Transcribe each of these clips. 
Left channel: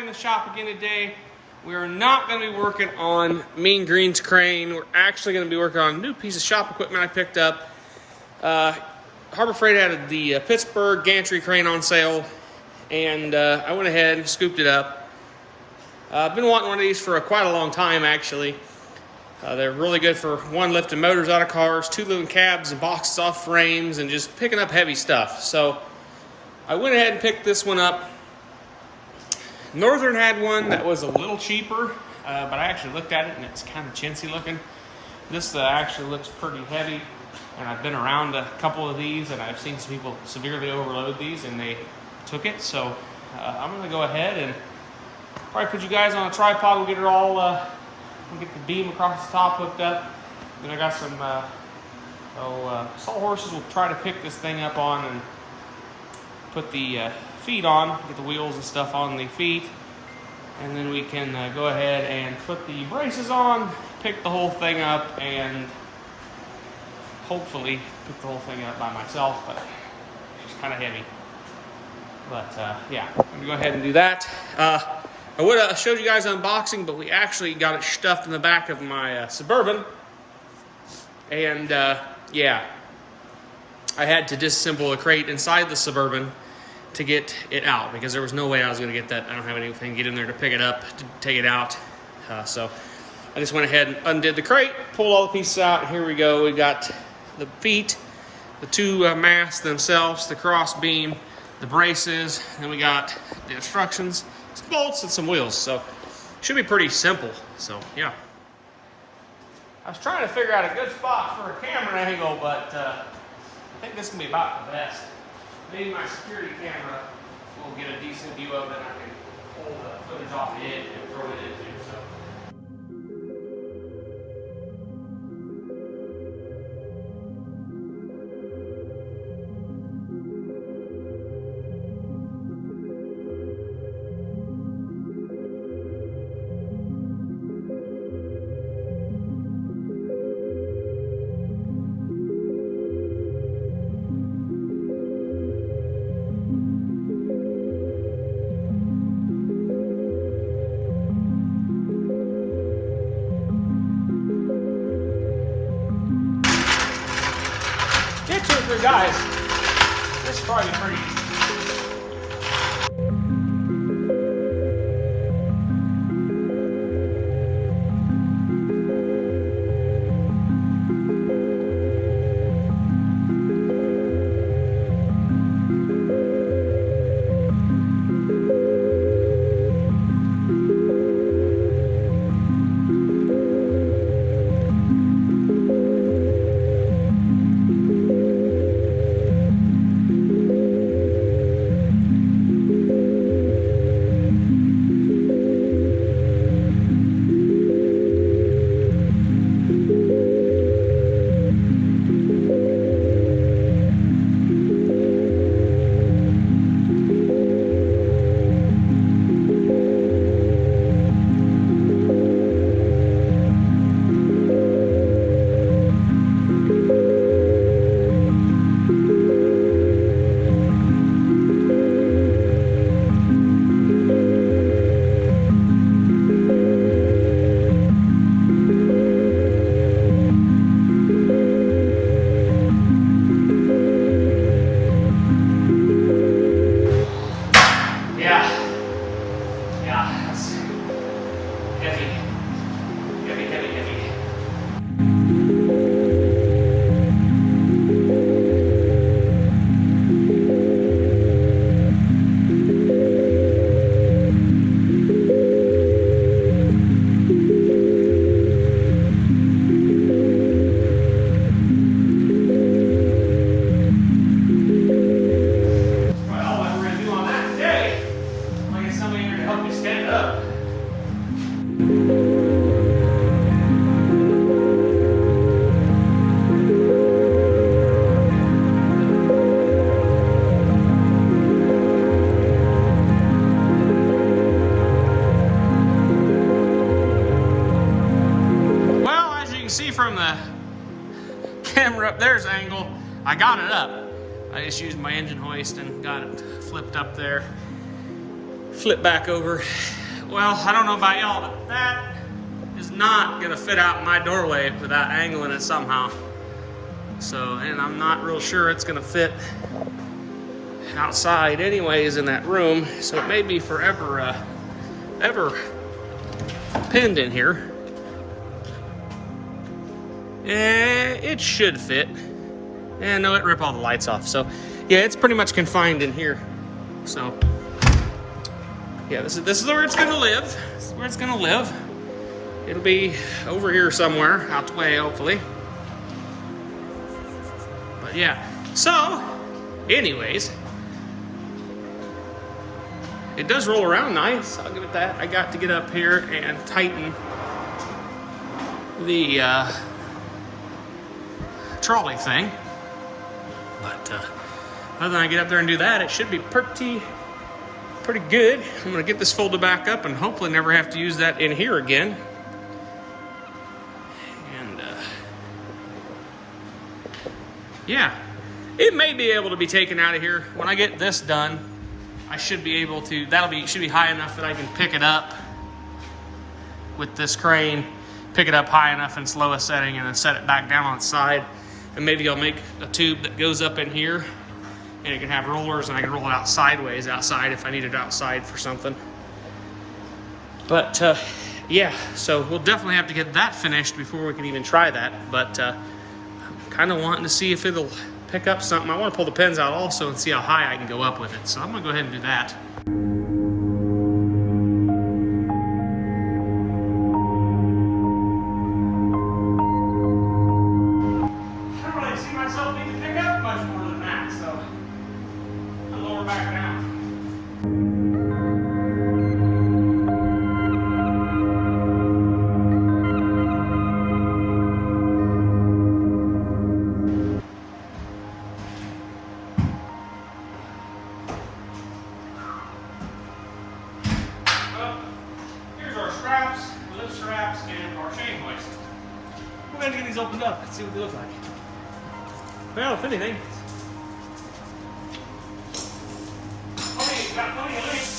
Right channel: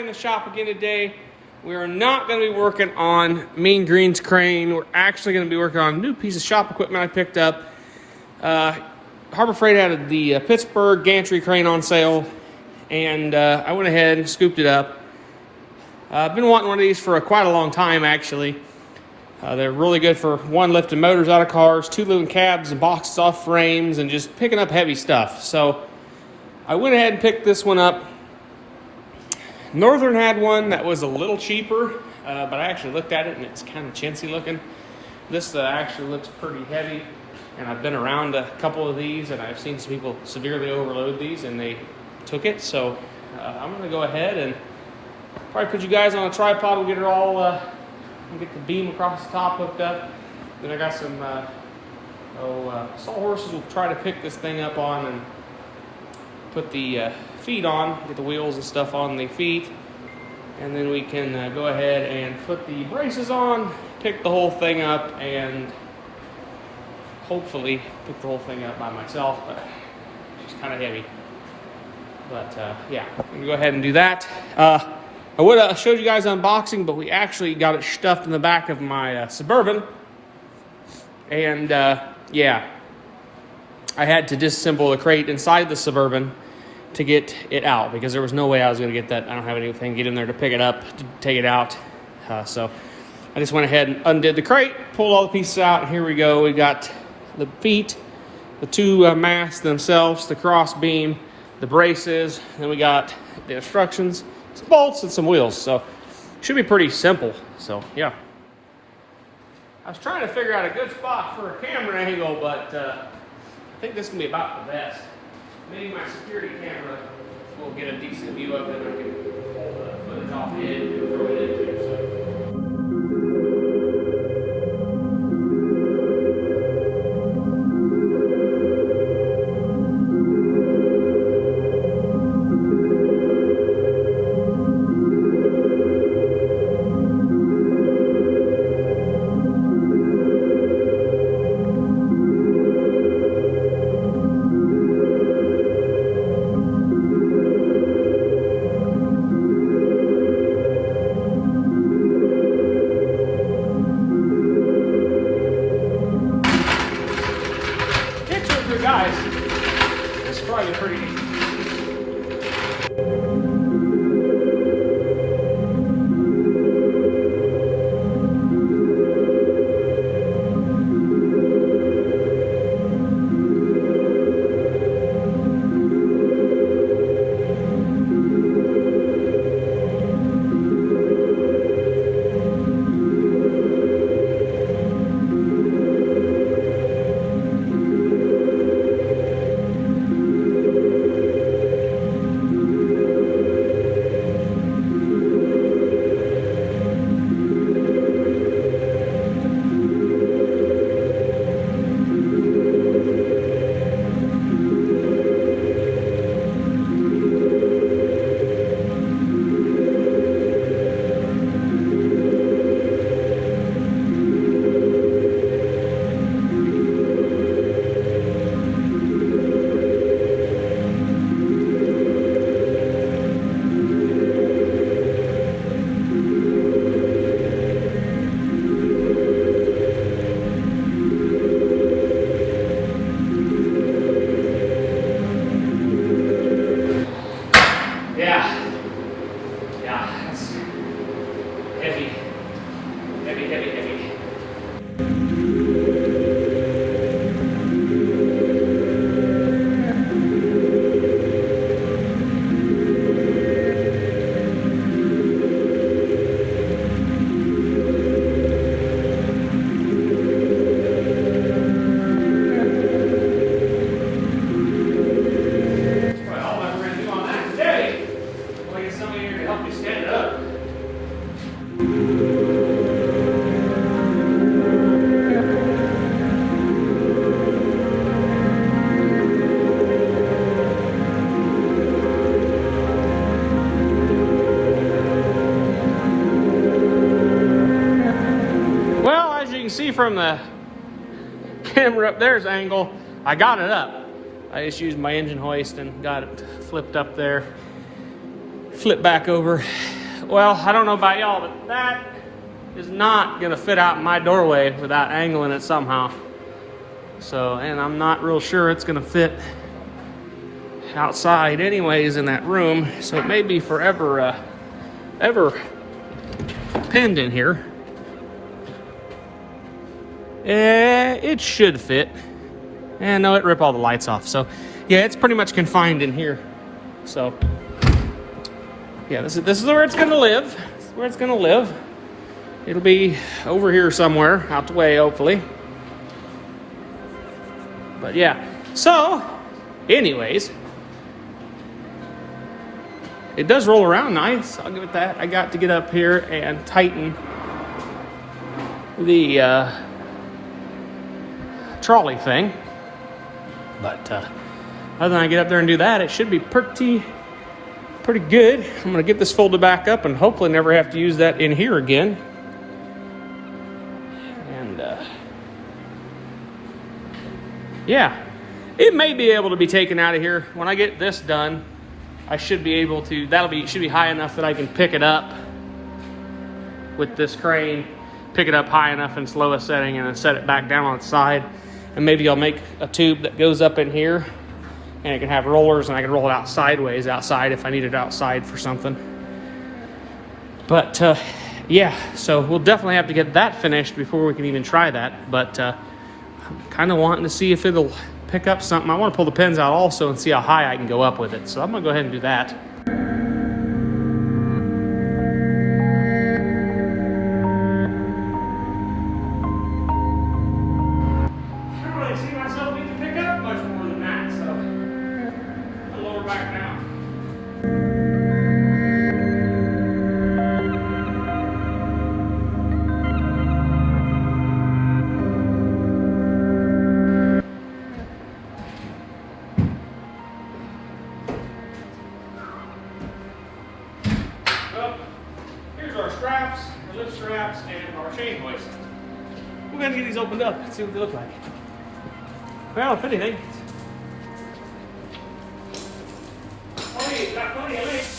in the shop again today. We are not going to be working on Mean Green's crane. We're actually going to be working on a new piece of shop equipment I picked up. Harbor Freight had the Pittsburgh Gantry crane on sale, and I went ahead and scooped it up. I've been wanting one of these for quite a long time, actually. They're really good for one, lifting motors out of cars, two, moving cabs and boxes off frames, and just picking up heavy stuff. So I went ahead and picked this one up. Northern had one that was a little cheaper, but I actually looked at it and it's kind of chintzy looking. This actually looks pretty heavy, and I've been around a couple of these and I've seen some people severely overload these and they took it. So I'm going to go ahead and probably put you guys on a tripod. We'll get it all, we'll get the beam across the top hooked up. Then I got some sawhorses we'll try to pick this thing up on and put the feet on, get the wheels and stuff on the feet. And then we can go ahead and put the braces on, pick the whole thing up, and hopefully pick the whole thing up by myself, but it's kind of heavy. But yeah, I'm gonna go ahead and do that. I would have showed you guys unboxing, but we actually got it stuffed in the back of my Suburban. And yeah, I had to disassemble the crate inside the Suburban to get it out because there was no way I was going to get that. I don't have anything to get in there to pick it up, to take it out. So I just went ahead and undid the crate, pulled all the pieces out, and here we go. We got the feet, the two masts themselves, the cross beam, the braces, and we got the instructions, some bolts, and some wheels. So it should be pretty simple. So yeah. I was trying to figure out a good spot for a camera angle, but I think this can be about the best. Maybe my security camera will get a decent view of it and I can pull the footage off the edge and throw it into it. So. It's probably pretty easy. Heavy. See from the camera up there's angle, I got it up. I just used my engine hoist and got it flipped up there. flip back over. Well, I don't know about y'all, but that is not gonna fit out my doorway without angling it somehow. So, and I'm not real sure it's gonna fit outside anyways in that room. So it may be forever ever pinned in here. It should fit. And no, it ripped all the lights off. So yeah, it's pretty much confined in here. So yeah, this is where it's gonna live. This is where it's gonna live. It'll be over here somewhere, out the way, hopefully. But yeah, so anyways, it does roll around nice. I'll give it that. I got to get up here and tighten the trolley thing. But other than I get up there and do that, it should be pretty good. I'm gonna get this folded back up and hopefully never have to use that in here again. And yeah, it may be able to be taken out of here. When I get this done, I should be able to, should be high enough that I can pick it up with this crane, pick it up high enough in slowest setting and then set it back down on its side. And maybe I'll make a tube that goes up in here and it can have rollers and I can roll it out sideways outside if I need it outside for something. But yeah, so we'll definitely have to get that finished before we can even try that. But I'm kind of wanting to see if it'll pick up something. I want to pull the pins out also and see how high I can go up with it. So I'm gonna go ahead and do that. Straps, our lift straps, and our chain hoist. We're going to get these opened up and see what they look like. Well, if anything. Oh, yeah, got plenty of length.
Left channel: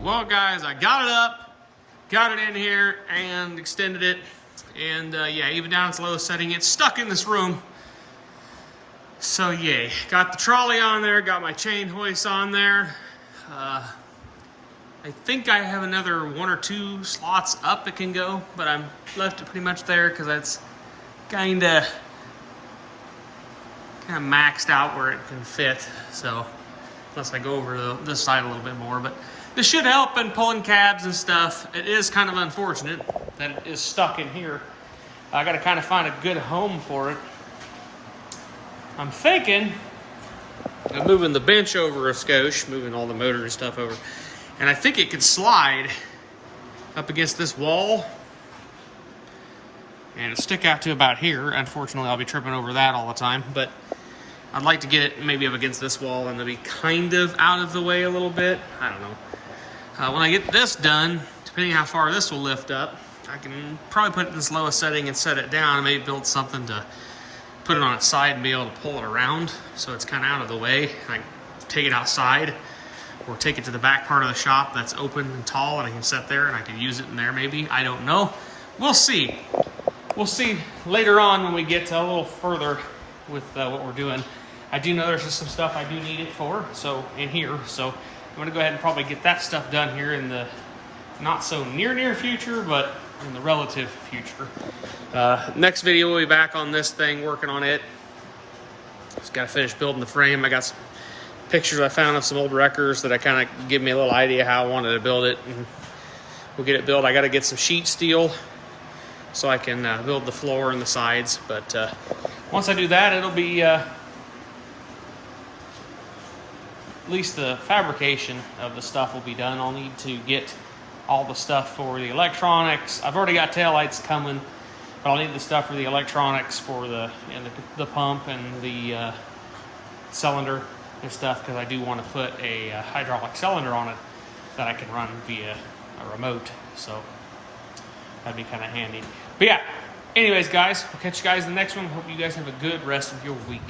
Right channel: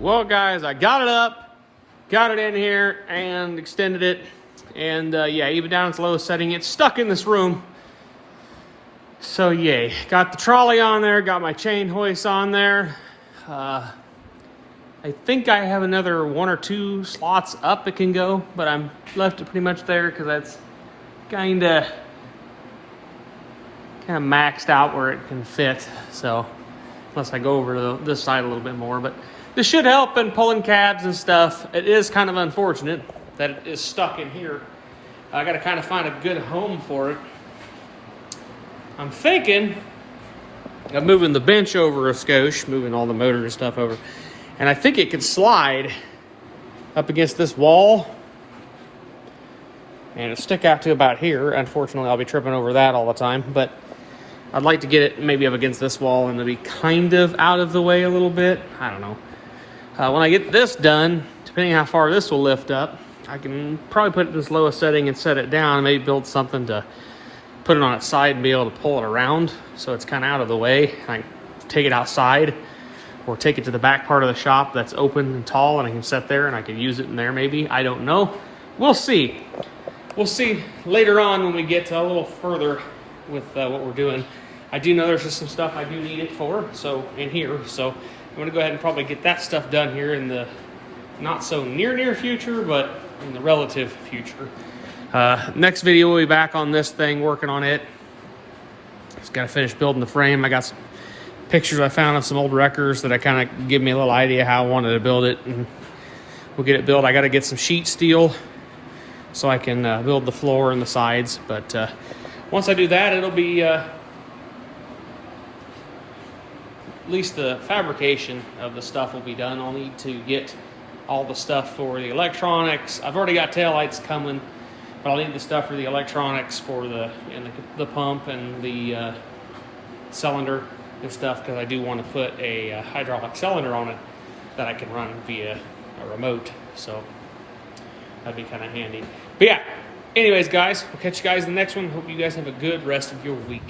Well, guys, I got it up, got it in here, and extended it. And yeah, even down its lowest setting, it's stuck in this room. So yay. Got the trolley on there, got my chain hoist on there. I think I have another 1 or 2 slots up it can go, but I'm left it pretty much there because that's kind of maxed out where it can fit. So unless I go over to this side a little bit more, but this should help in pulling cabs and stuff. It is kind of unfortunate that it is stuck in here. I got to kind of find a good home for it. I'm thinking of moving the bench over a skosh, moving all the motor and stuff over. And I think it could slide up against this wall and it'll stick out to about here. Unfortunately, I'll be tripping over that all the time, but I'd like to get it maybe up against this wall and maybe kind of out of the way a little bit. I don't know. When I get this done, depending on how far this will lift up, I can probably put it in this lowest setting and set it down, maybe build something to put it on its side and be able to pull it around so it's kind of out of the way. I can take it outside or take it to the back part of the shop that's open and tall and I can set there and I could use it in there maybe. I don't know. We'll see. We'll see later on when we get a little further with what we're doing. I do know there's just some stuff I do need it for, so in here. So I'm gonna go ahead and probably get that stuff done here in the not so near future, but in the relative future. Next video we'll be back on this thing, working on it. Just gotta finish building the frame. I got some pictures I found of some old wreckers that I kind of give me a little idea how I wanted to build it. And we'll get it built. I gotta get some sheet steel so I can build the floor and the sides, but once I do that, it'll be at least the fabrication of the stuff will be done. I'll need to get all the stuff for the electronics. I've already got taillights coming, but I'll need the stuff for the electronics for the pump and the cylinder and stuff, because I do want to put a hydraulic cylinder on it that I can run via a remote. So that'd be kind of handy. But yeah, anyways, guys, we'll catch you guys in the next one. Hope you guys have a good rest of your week.